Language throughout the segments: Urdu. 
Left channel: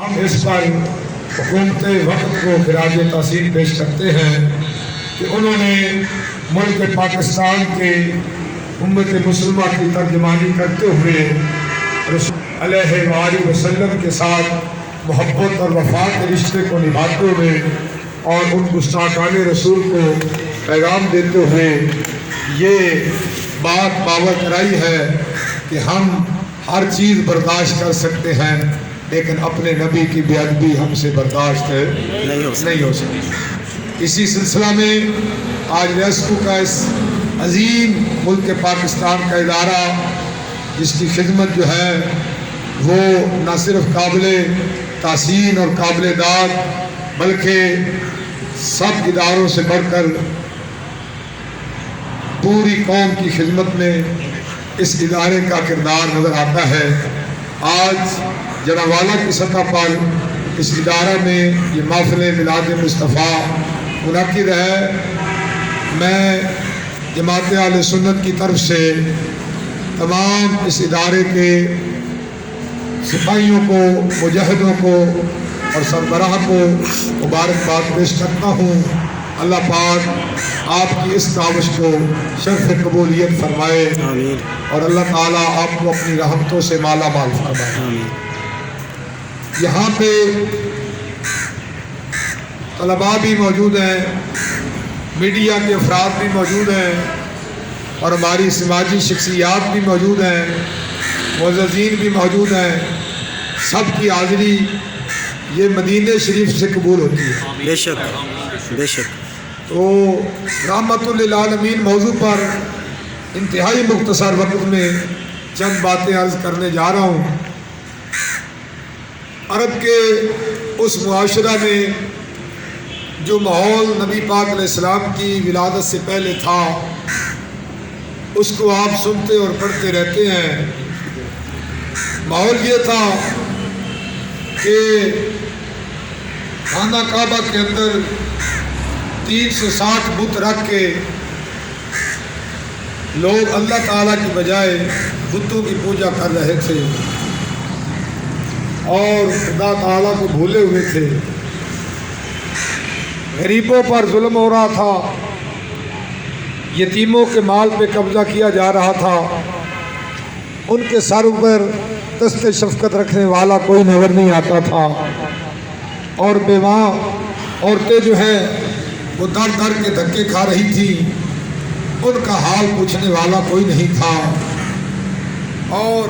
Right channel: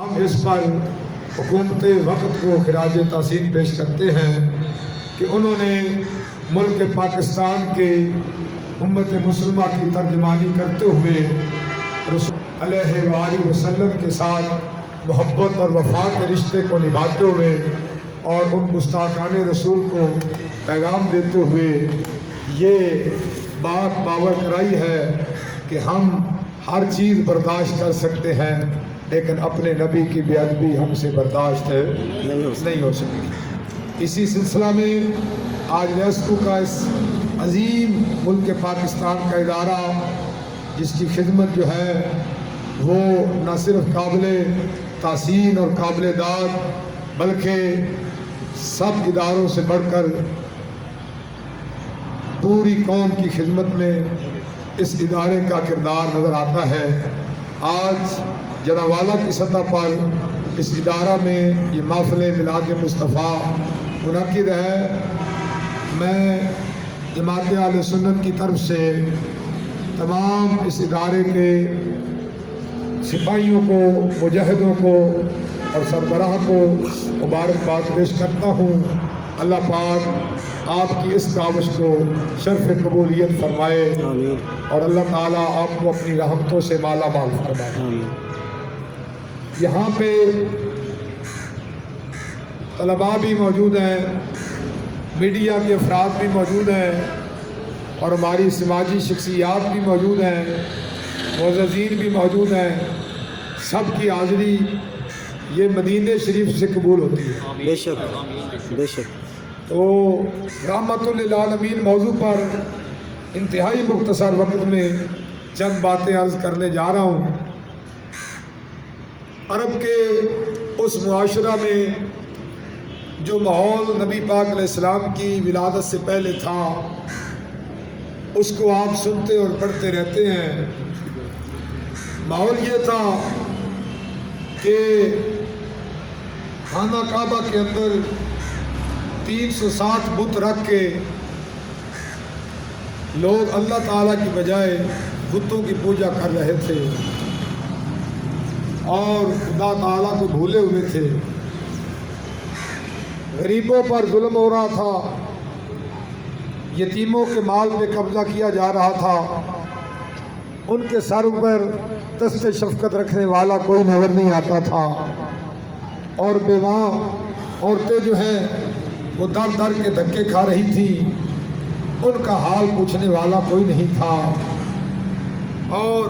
ہم اس پر حکومت وقت کو خراج تحسین پیش کرتے ہیں کہ انہوں نے ملک پاکستان کے امت مسلمہ کی ترجمانی کرتے ہوئے رسول علیہ وآلہ وسلم کے ساتھ محبت اور وفات کے رشتے کو نبھاتے ہوئے اور ان گستاخان رسول کو پیغام دیتے ہوئے یہ بات باور کرائی ہے کہ ہم ہر چیز برداشت کر سکتے ہیں لیکن اپنے نبی کی بے ادبی ہم سے برداشت نہیں ہو سکتی۔ اسی سلسلہ میں آج ریسکو کا اس عظیم ملک پاکستان کا ادارہ جس کی خدمت جو ہے وہ نہ صرف قابل تحسین اور قابل داد بلکہ سب اداروں سے بڑھ کر پوری قوم کی خدمت میں اس ادارے کا کردار نظر آتا ہے۔ آج جناب والا کی سطح پر اس ادارہ میں یہ محفل میلاد مصطفیٰ منعقد ہے۔ میں جماعت اہل سنت کی طرف سے تمام اس ادارے کے سپاہیوں کو، مجاہدوں کو اور سربراہ کو مبارکباد پیش کرتا ہوں۔ اللہ پاک آپ کی اس کاوش کو شرف قبولیت فرمائے اور اللہ تعالیٰ آپ کو اپنی رحمتوں سے مالا مال فرمائے۔ یہاں پہ طلباء بھی موجود ہیں، میڈیا کے افراد بھی موجود ہیں اور ہماری سماجی شخصیات بھی موجود ہیں، معززین بھی موجود ہیں۔ سب کی حاضری یہ مدینہ شریف سے قبول ہوتی ہے۔ بے شک بے شک۔ تو رحمت للعالمین موضوع پر انتہائی مختصر وقت میں چند باتیں عرض کرنے جا رہا ہوں۔ عرب کے اس معاشرہ میں جو ماحول نبی پاک علیہ السلام کی ولادت سے پہلے تھا اس کو آپ سنتے اور پڑھتے رہتے ہیں۔ ماحول یہ تھا کہ خانہ کعبہ کے اندر 360 بت رکھ کے لوگ اللہ تعالیٰ کی بجائے بتوں کی پوجا کر رہے تھے اور خدا تعالیٰ کو بھولے ہوئے تھے۔ غریبوں پر ظلم ہو رہا تھا، یتیموں کے مال پہ قبضہ کیا جا رہا تھا، ان کے سر پر دست شفقت رکھنے والا کوئی نظر نہیں آتا تھا اور بیواں عورتیں جو ہیں وہ در در کے دھکے کھا رہی تھی، ان کا حال پوچھنے والا کوئی نہیں تھا اور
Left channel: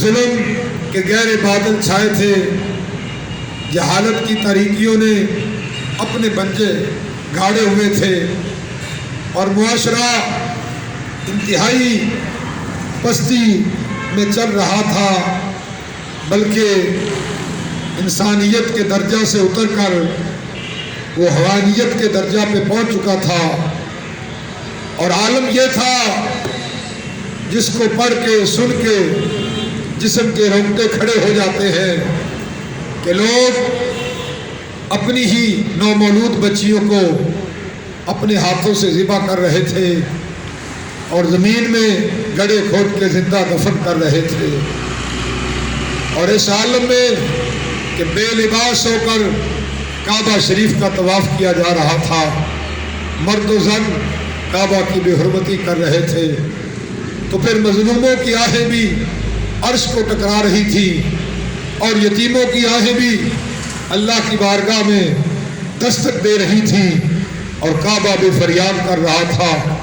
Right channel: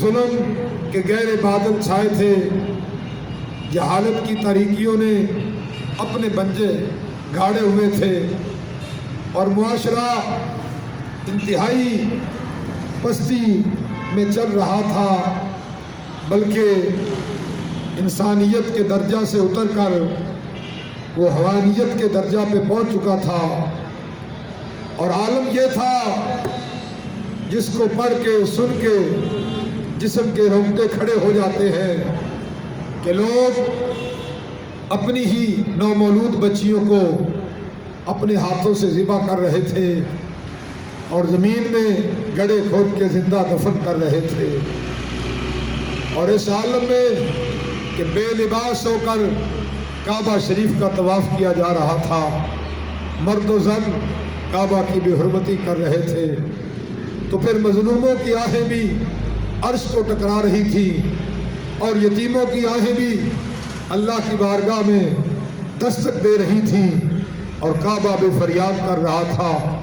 ظلم کے گہرے بادل چھائے تھے۔ جہالت کی تاریکیوں نے اپنے پنجے گاڑے ہوئے تھے اور معاشرہ انتہائی پستی میں چل رہا تھا، بلکہ انسانیت کے درجہ سے اتر کر وہ حیوانیت کے درجہ پہ پہنچ چکا تھا اور عالم یہ تھا جس کو پڑھ کے سن کے جسم کے رونگٹے کھڑے ہو جاتے ہیں کہ لوگ اپنی ہی نومولود بچیوں کو اپنے ہاتھوں سے ذبح کر رہے تھے اور زمین میں گڑھے کھود کے زندہ دفن کر رہے تھے۔ اور اس عالم میں کہ بے لباس ہو کر کعبہ شریف کا طواف کیا جا رہا تھا، مرد و زن کعبہ کی بے حرمتی کر رہے تھے، تو پھر مظلوموں کی آہیں بھی عرش کو ٹکرا رہی تھی اور یتیموں کی آہیں بھی اللہ کی بارگاہ میں دستک دے رہی تھی اور کعبہ بھی فریاد کر رہا تھا،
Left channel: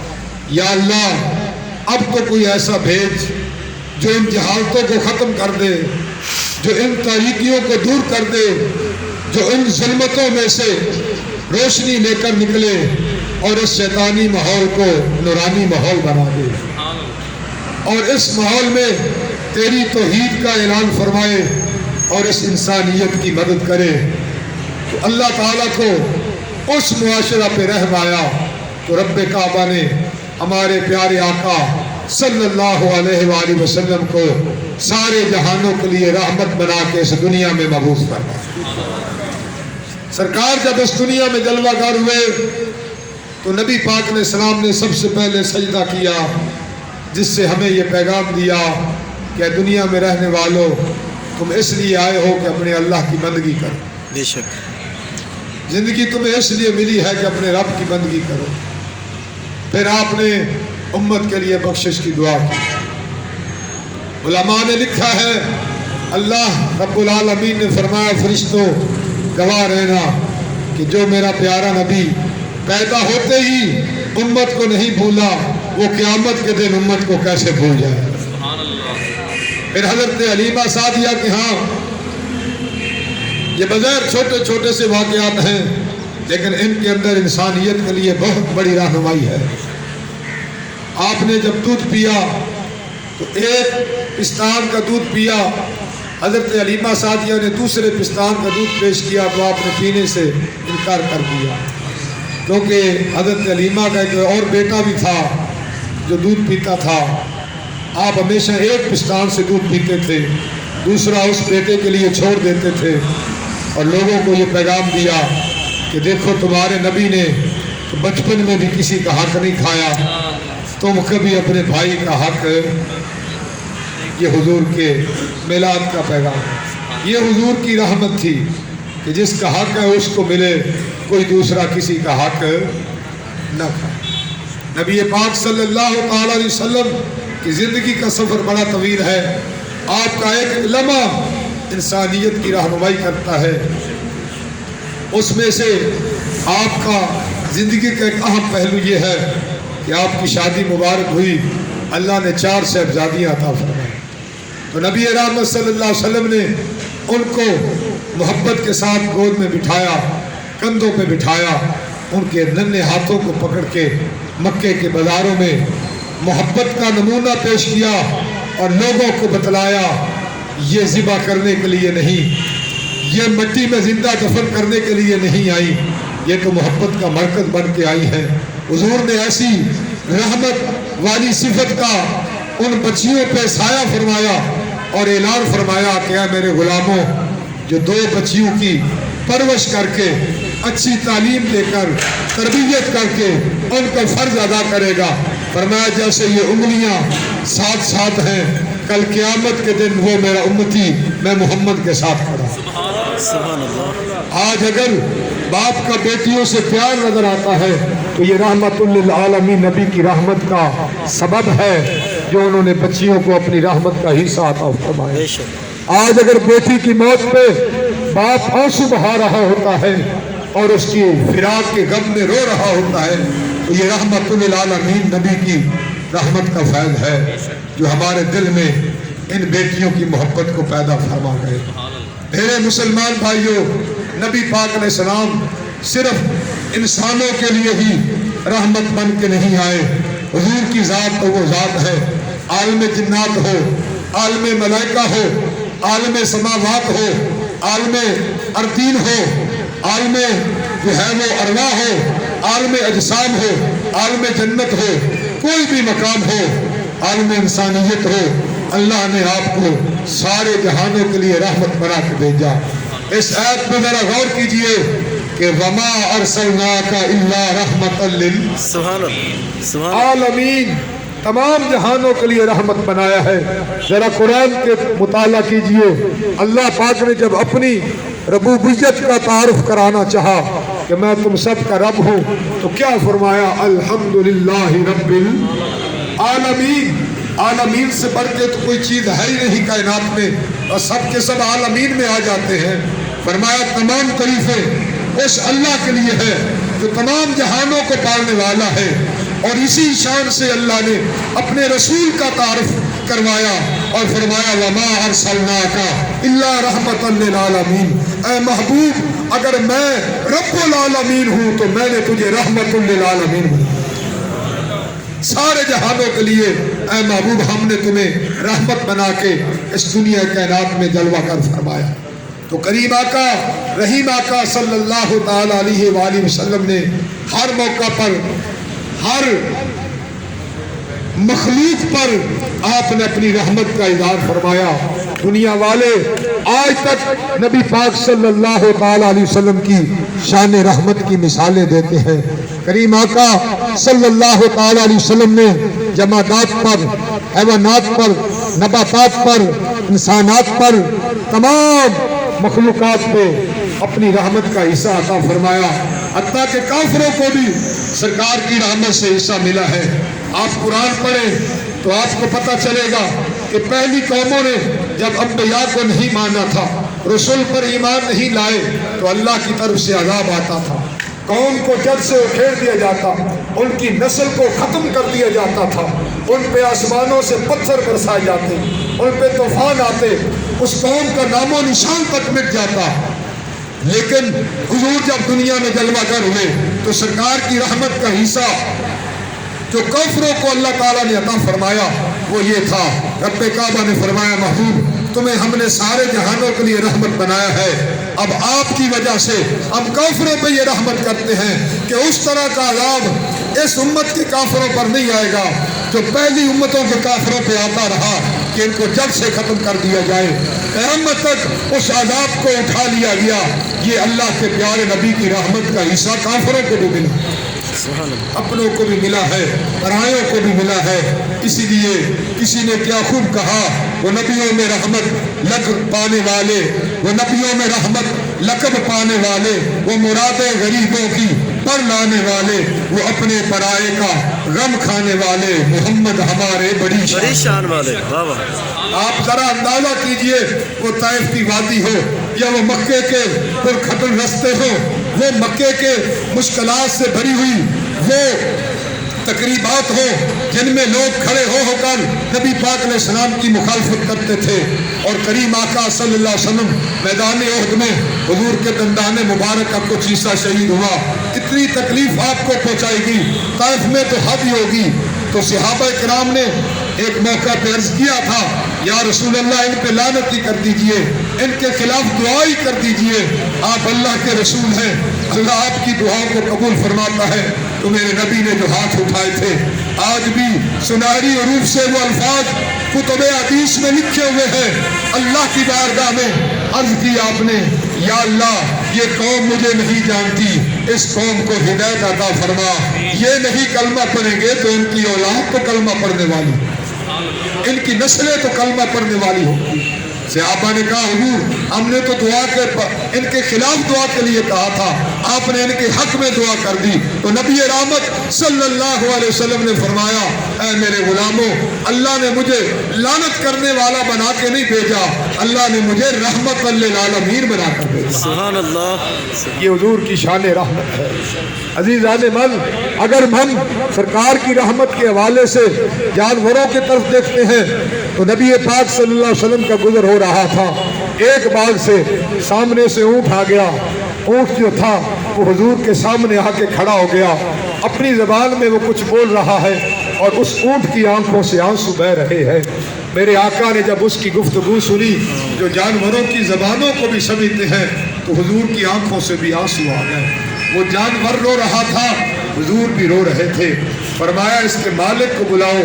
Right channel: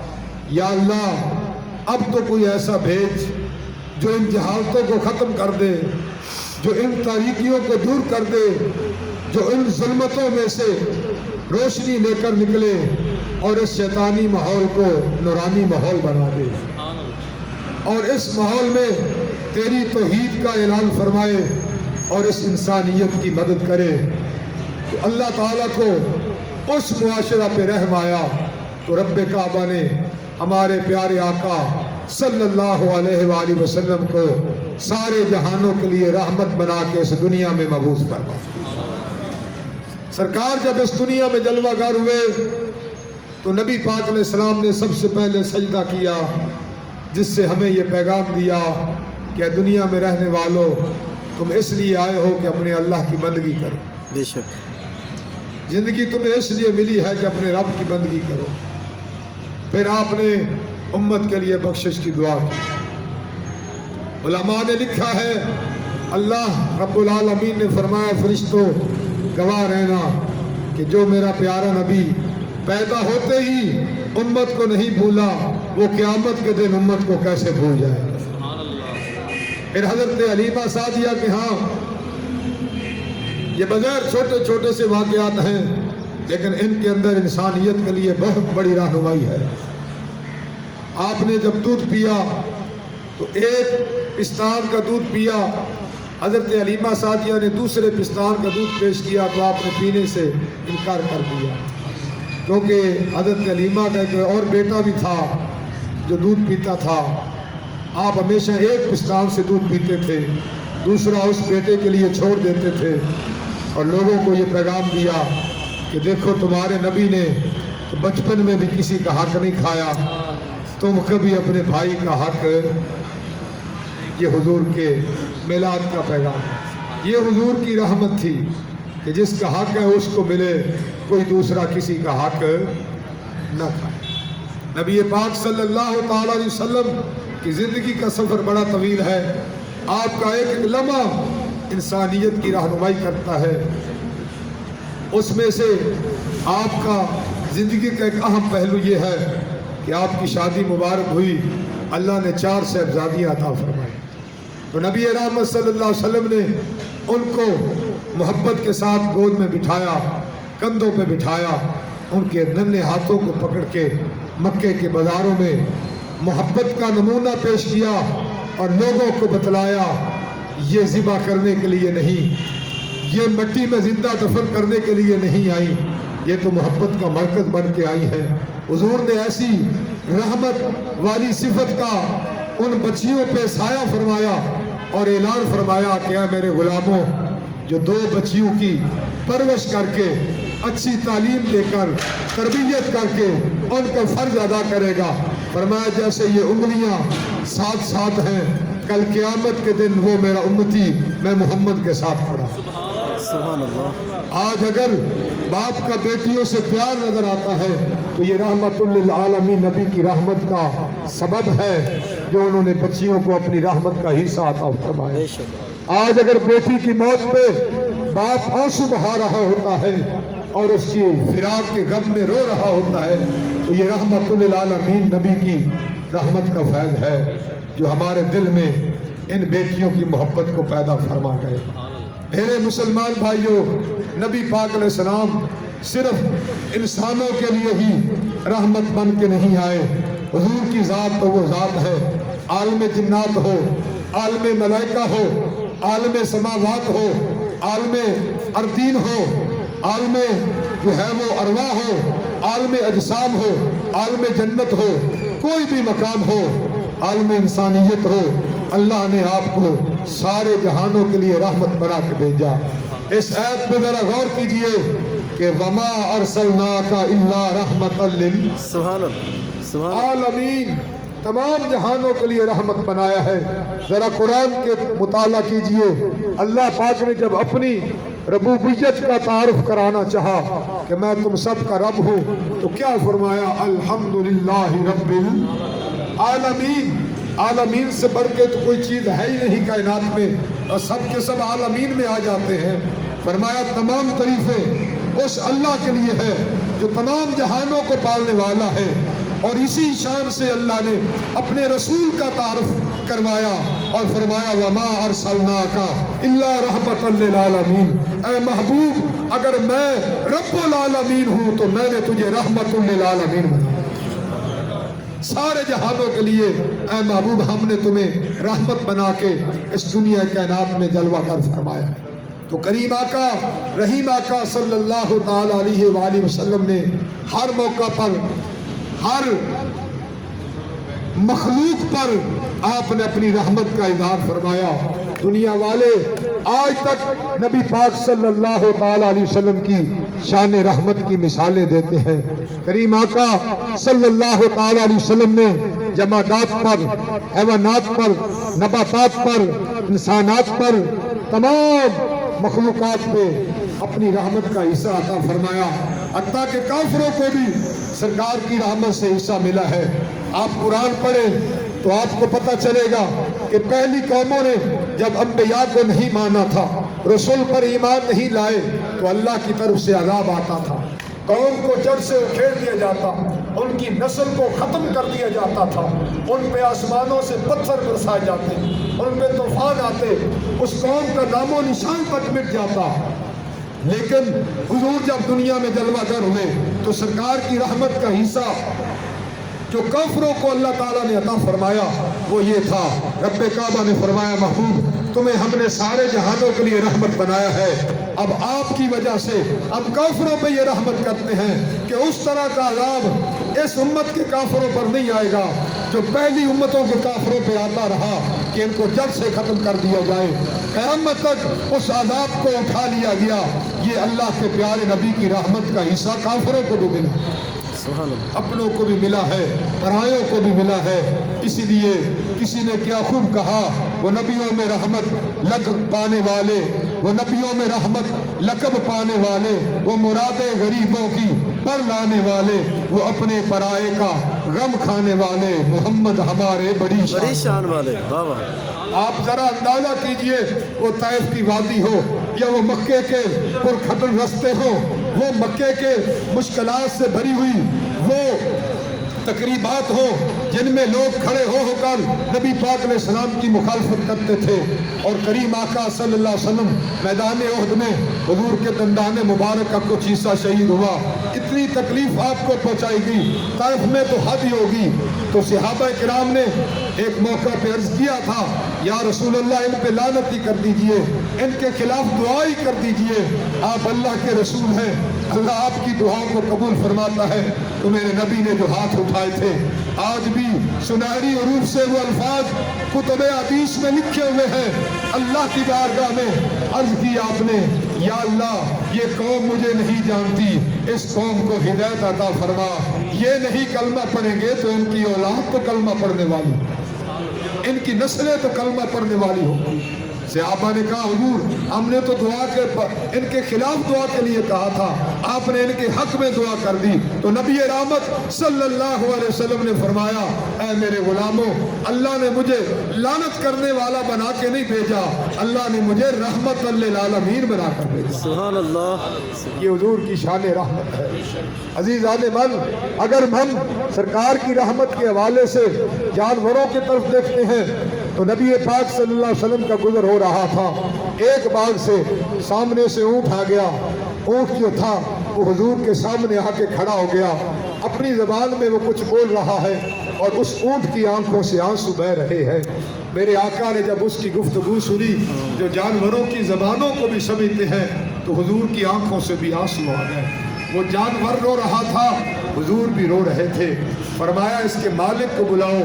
یا اللہ اب تو کوئی ایسا بھیج جو ان جہالتوں کو ختم کر دے، جو ان تاریکیوں کو دور کر دے، جو ان ظلمتوں میں سے روشنی لے کر نکلے اور اس شیطانی ماحول کو نورانی ماحول بنا دے اور اس ماحول میں تیری توحید کا اعلان فرمائے اور اس انسانیت کی مدد کرے۔ تو اللہ تعالیٰ کو اس معاشرہ پہ رحم آیا تو رب کعبہ نے ہمارے پیارے آقا صلی اللہ علیہ وآلہ وسلم کو سارے جہانوں کے لیے رحمت بنا کے اس دنیا میں مبعوث فرمایا۔ سرکار جب اس دنیا میں جلوہ گر ہوئے تو نبی پاک علیہ السلام نے سب سے پہلے سجدہ کیا، جس سے ہمیں یہ پیغام دیا کہ دنیا میں رہنے والوں تم اس لیے آئے ہو کہ اپنے اللہ کی بندگی کرو. بے شک. زندگی تمہیں اس لیے ملی ہے کہ اپنے رب کی بندگی کرو. پھر آپ نے امت کے لیے بخشش کی دعا کی. علماء نے لکھا ہے اللہ رب العالمین نے فرمایا فرشتوں گواہ رہنا کہ جو میرا پیارا نبی پیدا ہوتے ہی امت کو نہیں بھولا وہ قیامت کے دن امت کو کیسے بھول جائے. پھر حضرت حلیمہ سعدیہ کہ ہاں یہ بغیر چھوٹے چھوٹے سے واقعات ہیں لیکن ان کے اندر انسانیت کے لیے بہت بڑی رہنمائی ہے. آپ نے جب دودھ پیا تو ایک پستان کا دودھ پیا. حضرت حلیمہ سعدیہ نے دوسرے پستان کا دودھ پیش کیا تو آپ نے پینے سے انکار کر دیا کیونکہ حضرت حلیمہ کا ایک اور بیٹا بھی تھا جو دودھ پیتا تھا. آپ ہمیشہ ایک پستان سے دودھ پیتے تھے, دوسرا اس بیٹے کے لیے چھوڑ دیتے تھے اور لوگوں کو یہ پیغام دیا کہ دیکھو تمہارے نبی نے بچپن میں بھی کسی کا حق نہیں کھایا, تم کبھی اپنے بھائی کا حق. یہ حضور کے میلاد کا پیغام, یہ حضور کی رحمت تھی کہ جس کا حق ہے اس کو ملے, کوئی دوسرا کسی کا حق نہ کھائے. نبی پاک صلی اللہ تعالی علیہ وسلم کی زندگی کا سفر بڑا طویل ہے. آپ کا ایک لمحہ انسانیت کی رہنمائی کرتا ہے. اس میں سے آپ کا زندگی کا ایک اہم پہلو یہ ہے کہ آپ کی شادی مبارک ہوئی, اللہ نے 4 صاحبزادیاں عطا فرمائی. تو نبی رحمت صلی اللہ علیہ وسلم نے ان کو محبت کے ساتھ گود میں بٹھایا, کندھوں پہ بٹھایا, ان کے ننھے ہاتھوں کو پکڑ کے مکے کے بازاروں میں محبت کا نمونہ پیش کیا اور لوگوں کو بتلایا یہ ذبح کرنے کے لیے نہیں, یہ مٹی میں زندہ دفن کرنے کے لیے نہیں آئی, یہ تو محبت کا مرکز بن کے آئی ہے. حضور نے ایسی رحمت والی صفت کا ان بچیوں پہ سایہ فرمایا اور اعلان فرمایا کہ اے میرے غلاموں, جو 2 بچیوں کی پرورش کر کے اچھی تعلیم دے کر تربیت کر کے ان کا فرض ادا کرے گا, فرمایا جیسے یہ انگلیاں ساتھ ساتھ ہیں کل قیامت کے دن وہ میرا امتی میں محمد کے ساتھ کھڑا. سبحان اللہ. آج اگر باپ کا بیٹیوں سے پیار نظر آتا ہے تو یہ رحمت للعالمین نبی کی رحمت کا سبب ہے جو انہوں نے بچیوں کو اپنی رحمت کا حصہ عطا فرمایا. آج اگر بیٹی کی موت پہ باپ آنسو بہا رہا ہوتا ہے اور اس کی فراق کے غم میں رو رہا ہوتا ہے تو یہ رحمت للعالمین نبی کی رحمت کا فیض ہے جو ہمارے دل میں ان بیٹیوں کی محبت کو پیدا فرما گئے. میرے مسلمان بھائیوں, نبی پاک علیہ السلام صرف انسانوں کے لیے ہی رحمت بن کے نہیں آئے. حضور کی ذات تو وہ ذات ہے, عالم جنات ہو, عالم ملائکہ ہو, عالم سماوات ہو, عالم ارضین ہو, عالم جو ہے وہ ارواح ہو, عالم اجسام ہو, عالم جنت ہو, کوئی بھی مقام ہو, عالم انسانیت ہو, اللہ نے آپ کو سارے جہانوں کے لیے رحمت بنا کے بھیجا. اس آیت پہ ذرا غور کیجئے کہ وما ارسلناک الا رحمتا للعالمین, تمام جہانوں کے لیے رحمت بنایا ہے. ذرا قرآن کے مطالعہ کیجئے. اللہ پاک نے جب اپنی ربوبیت کا تعارف کرانا چاہا کہ میں تم سب کا رب ہوں تو کیا فرمایا, الحمدللہ رب العالمین. عالمین سے بڑھ کے تو کوئی چیز ہے ہی نہیں کائنات میں, اور سب کے سب عالمین میں آ جاتے ہیں. فرمایا تمام تعریفیں اس اللہ کے لیے ہے جو تمام جہانوں کو پالنے والا ہے, اور اسی شان سے اللہ نے اپنے رسول کا تعارف کروایا اور فرمایا وما ارسلناک الا رحمتا للعالمین. اے محبوب اگر میں رب العالمین ہوں تو میں نے تجھے رحمت للعالمین ہوں, سارے جہانوں کے لیے اے محبوب ہم نے تمہیں رحمت بنا کے اس دنیا کائنات میں جلوہ کر فرمایا. تو کریم آقا رحیم آقا صلی اللہ تعالی علیہ وآلہ وسلم نے ہر موقع پر ہر مخلوق پر آپ نے اپنی رحمت کا اظہار فرمایا. دنیا والے آج تک نبی پاک صلی اللہ تعالی علیہ وسلم کی شان رحمت کی مثالیں دیتے ہیں۔ کریم آقا صلی اللہ تعالی علیہ وسلم نے جمادات پر، حیوانات پر، نباتات پر، انسانات پر، تمام مخلوقات پہ اپنی رحمت کا حصہ عطا فرمایا، حتیٰ کہ کافروں کو بھی سرکار کی رحمت سے حصہ ملا ہے۔ آپ قرآن پڑھیں تو آپ کو پتہ چلے گا کہ پہلی قوموں نے جب انبیاء کو نہیں مانا تھا، رسول پر ایمان نہیں لائے، تو اللہ کی طرف سے عذاب آتا تھا، قوم کو جڑ سے اکھیڑ دیا جاتا، ان کی نسل کو ختم کر دیا جاتا تھا، ان پہ آسمانوں سے پتھر برسائے جاتے، ان پہ طوفان آتے، اس قوم کا نام و نشان تک مٹ جاتا۔ لیکن حضور جب دنیا میں جلوہ گر ہوئے تو سرکار کی رحمت کا حصہ جو کافروں کو اللہ تعالیٰ نے عطا فرمایا وہ یہ تھا۔ رب کعبہ نے فرمایا محبوب تمہیں ہم نے سارے جہانوں کے لیے رحمت بنایا ہے، اب آپ کی وجہ سے ہم کافروں پہ یہ رحمت کرتے ہیں کہ اس طرح کا عذاب اس امت کے کافروں پر نہیں آئے گا جو پہلی امتوں کے کافروں پہ آتا رہا کہ ان کو جڑ سے ختم کر دیا جائے۔ قیامت تک اس عذاب کو اٹھا لیا گیا۔ یہ اللہ کے پیارے نبی کی رحمت کا حصہ کافروں کو بھی ملا، اپنوں کو بھی ملا ہے، پرایوں کو بھی ملا ہے۔ اسی لیے کسی نے کیا خوب کہا، وہ نبیوں میں رحمت لقب پانے والے، وہ نبیوں میں رحمت لقب پانے والے، وہ مرادیں غریبوں کی پر لانے والے، وہ اپنے پرائے کا غم کھانے والے، محمد ہمارے بڑی شان والے۔ واہ آپ ذرا اندازہ کیجئے، وہ طائف کی وادی ہو یا وہ مکے کے پرکھٹن رستے ہو، وہ مکے کے مشکلات سے بھری ہوئی وہ تقریبات ہو جن میں لوگ کھڑے ہو کر نبی پاک علیہ السلام کی مخالفت کرتے تھے، اور کریم آقا صلی اللہ علیہ وسلم میدان احد میں حضور کے دندان مبارک کا کچھ حصہ شہید ہوا، کتنی تکلیف آپ کو پہنچائی گئی، طائف میں تو حد ہی ہوگی۔ تو صحابہ کرام نے ایک موقع پہ عرض کیا تھا، یا رسول اللہ ان پہ لعنت ہی کر دیجئے، ان کے خلاف دعا ہی کر دیجئے، آپ اللہ کے رسول ہیں، اللہ آپ کی دعاؤں کو قبول فرماتا ہے۔ تو میرے نبی نے جو ہاتھ اٹھائے تھے، آج بھی سنہری حروف سے وہ الفاظ کتب حدیث میں لکھے ہوئے ہیں۔ اللہ کی بارگاہ میں عرض کی آپ نے، یا اللہ یہ قوم مجھے نہیں جانتی، اس قوم کو ہدایت عطا فرما، یہ نہیں کلمہ پڑھیں گے تو ان کی اولاد تو کلمہ پڑھنے والی، ان کی نسلیں تو کلمہ پڑھنے والی ہوگی۔ صحابہ نے کہا حضور ہم نے تو دعا کے ان کے خلاف دعا کے لیے کہا تھا، آپ نے ان کے حق میں دعا کر دی۔ تو نبی رحمت صلی اللہ علیہ وسلم نے فرمایا، اے میرے غلاموں، اللہ نے مجھے لعنت کرنے والا بنا کے نہیں بھیجا، اللہ نے مجھے رحمت للعالمین بنا کر بھیجا۔ سبحان اللہ۔ یہ حضور کی شان رحمت ہے۔ عزیزان من، اگر ہم سرکار کی رحمت کے حوالے سے جانوروں کی طرف دیکھتے ہیں تو نبی پاک صلی اللہ علیہ وسلم کا گزر ہو رہا تھا، ایک باغ سے سامنے سے اونٹ آ گیا، اونٹ جو تھا وہ حضور کے سامنے آ کے کھڑا ہو گیا، اپنی زبان میں وہ کچھ بول رہا ہے اور اس اونٹ کی آنکھوں سے آنسو بہہ رہے ہیں۔ میرے آقا نے جب اس کی گفتگو سنی جو جانوروں کی زبانوں کو بھی سمجھتے ہیں تو حضور کی آنکھوں سے بھی آنسو آ گئے۔ وہ جانور رو رہا تھا، حضور بھی رو رہے تھے۔ فرمایا اس کے مالک کو بلاؤ،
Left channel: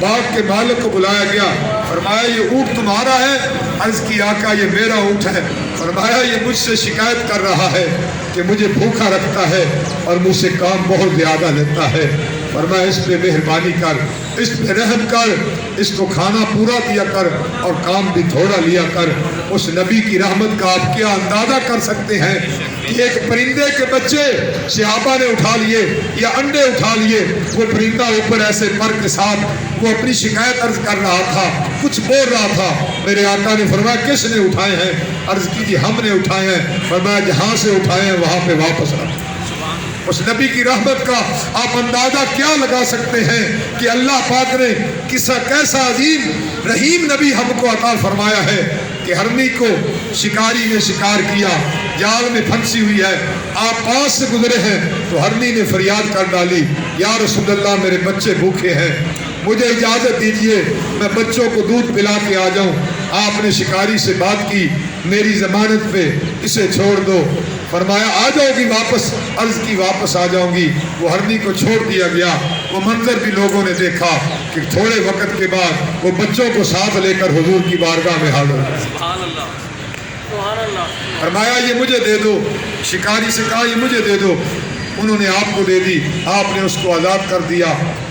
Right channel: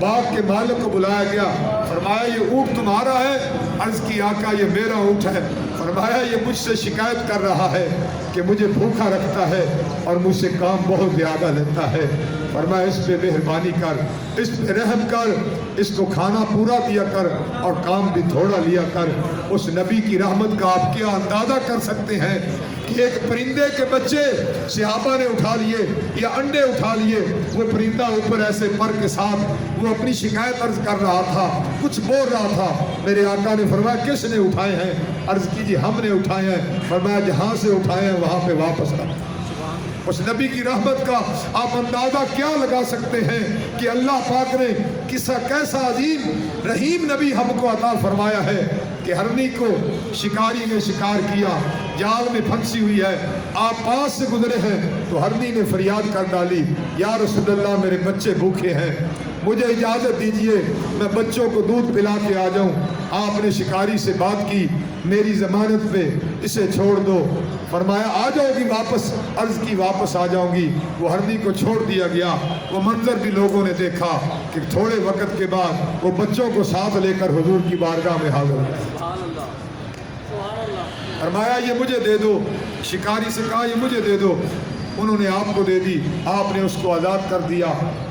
باغ کے مالک کو بلایا گیا، فرمایا یہ اونٹ تمہارا ہے؟ عرض کی آقا یہ میرا اونٹ ہے۔ فرمایا یہ مجھ سے شکایت کر رہا ہے کہ مجھے بھوکا رکھتا ہے اور مجھ سے کام بہت زیادہ لیتا ہے۔ فرمایا اس پہ مہربانی کر، اس پہ رحم کر، اس کو کھانا پورا دیا کر اور کام بھی تھوڑا لیا کر۔ اس نبی کی رحمت کا آپ کیا اندازہ کر سکتے ہیں کہ ایک پرندے کے بچے صحابہ نے اٹھا لیے یا انڈے اٹھا لیے، وہ پرندہ اوپر ایسے پر کے ساتھ وہ اپنی شکایت عرض کر رہا تھا، کچھ بول رہا تھا۔ میرے آقا نے فرمایا کس نے اٹھائے ہیں؟ عرض کی جی ہم نے اٹھائے ہیں۔ فرمایا جہاں سے اٹھائے ہیں وہاں پہ واپس رکھ۔ اس نبی کی رحمت کا آپ اندازہ کیا لگا سکتے ہیں کہ اللہ پاک نے کیسا عظیم رحیم نبی ہم کو عطا فرمایا ہے کہ ہرنی کو شکاری نے شکار کیا، جال میں پھنسی ہوئی ہے، آپ پاس سے گزرے ہیں تو ہرنی نے فریاد کر ڈالی، یا رسول اللہ میرے بچے بھوکے ہیں، مجھے اجازت دیجئے میں بچوں کو دودھ پلا کے آ جاؤں۔ آپ نے شکاری سے بات کی، میری ضمانت پہ اسے چھوڑ دو۔ فرمایا آ جاؤ گی واپس؟ عرض کی واپس آ جاؤں گی۔ وہ ہرنی کو چھوڑ دیا گیا۔ وہ منظر بھی لوگوں نے دیکھا کہ تھوڑے وقت کے بعد وہ بچوں کو ساتھ لے کر حضور کی بارگاہ میں حاضر ہوئے۔ سبحان اللہ سبحان اللہ۔ فرمایا یہ مجھے دے دو۔ شکاری سے کہا یہ مجھے دے دو۔ انہوں نے آپ کو دے دی، آپ نے اس کو آزاد کر دیا۔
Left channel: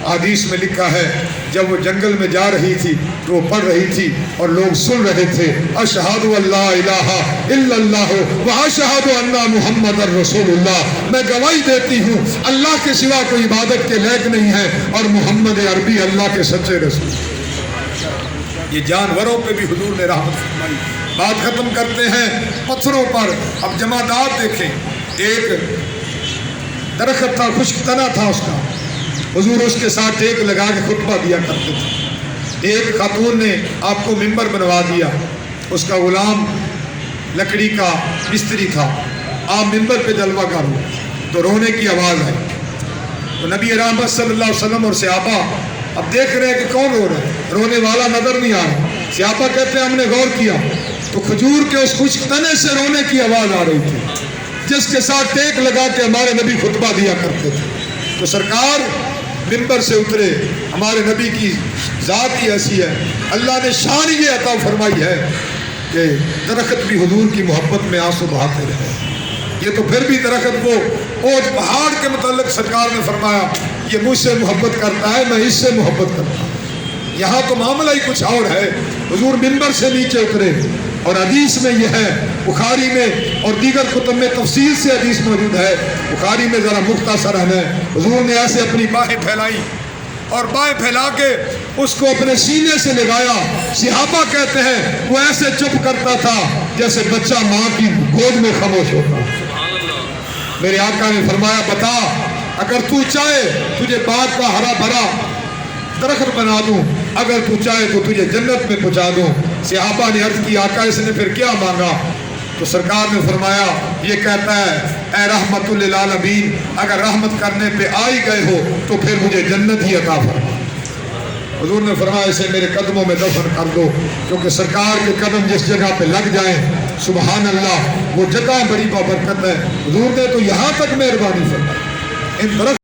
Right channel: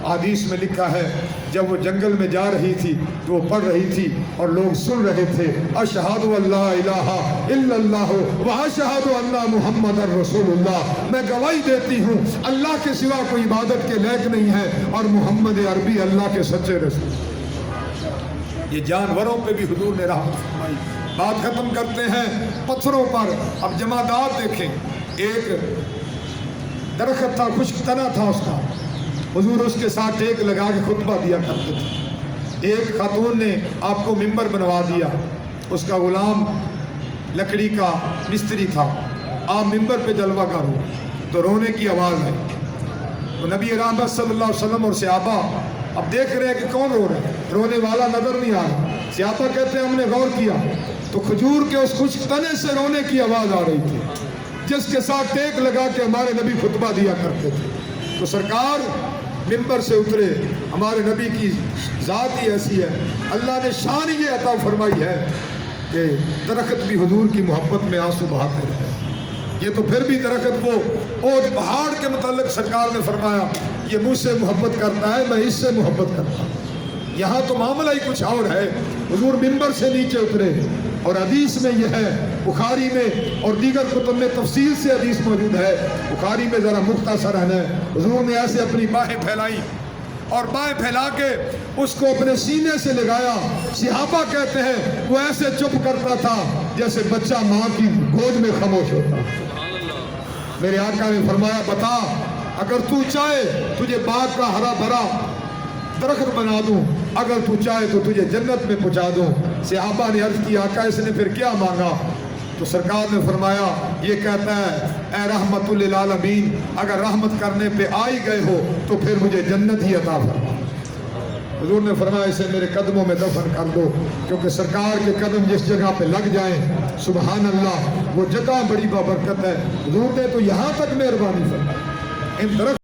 حدیث میں لکھا ہے جب وہ جنگل میں جا رہی تھی تو وہ پڑھ رہی تھی اور لوگ سن رہے تھے، اشہد اللہ الہ الا اللہ و اشہد ان محمد رسول اللہ، میں گواہی دیتی ہوں اللہ کے سوا کوئی عبادت کے لائق نہیں ہے اور محمد عربی اللہ کے سچے رسول۔ یہ جانوروں پہ بھی حضور نے رحمت فرمائی۔ بات ختم کرتے ہیں پتھروں پر۔ اب جمادات دیکھیں، ایک درخت تھا، خشک تنا تھا اس کا، حضور اس کے ساتھ ٹیک لگا کے خطبہ دیا کرتے تھے۔ ایک خاتون نے آپ کو ممبر بنوا دیا، اس کا غلام لکڑی کا مستری تھا، آپ ممبر پہ جلوہ کرو تو رونے کی آواز آئی۔ تو نبی رحمت صلی اللہ علیہ وسلم اور صحابہ اب دیکھ رہے ہیں کہ کون رو رہا ہے، رونے والا نظر نہیں آ رہا۔ صحابہ کہتے ہیں ہم نے غور کیا تو کھجور کے اس خشک تنے سے رونے کی آواز آ رہی تھی جس کے ساتھ ٹیک لگا کے ہمارے نبی خطبہ دیا کرتے تھے۔ تو سرکار ممبر سے اترے، ہمارے نبی کی ذات ہی ایسی ہے، اللہ نے شان یہ عطا فرمائی ہے کہ درخت بھی حضور کی محبت میں آنسو بہاتے رہے۔ یہ تو پھر بھی درخت کو اوج پہاڑ کے متعلق سرکار نے فرمایا یہ مجھ سے محبت کرتا ہے، میں اس سے محبت کرتا ہوں۔ یہاں تو معاملہ ہی کچھ اور ہے۔ حضور ممبر سے نیچے اترے اور حدیث میں یہ ہے، بخاری میں اور دیگر کتب میں تفصیل سے حدیث موجود ہے، بخاری میں ذرا مختصر ہے، حضور نے ایسے اپنی باہیں پھیلائی اور باہیں پھیلا کے اس کو اپنے سینے سے لگایا۔ صحابہ کہتے ہیں وہ ایسے چپ کرتا تھا جیسے بچہ ماں کی گود میں خاموش ہوتا۔ میرے آقا نے فرمایا بتا، اگر تو چاہے تجھے باغ کا ہرا بھرا درخت بنا دوں، اگر تو چاہے تو تجھے جنت میں پہنچا دوں۔ صحابہ نے عرض کی آقا اس نے پھر کیا مانگا؟ تو سرکار نے فرمایا یہ کہتا ہے اے رحمت للعالمین، اگر رحمت کرنے پہ آ ہی گئے ہو تو پھر مجھے جنت ہی عطا فرما۔ حضور نے فرمایا اسے میرے قدموں میں دفن کر دو، کیونکہ سرکار کے قدم جس جگہ پہ لگ جائیں سبحان اللہ وہ جگہ بڑی بابرکت ہے۔ حضور نے تو یہاں تک مہربانی فرمائی۔ ان درخت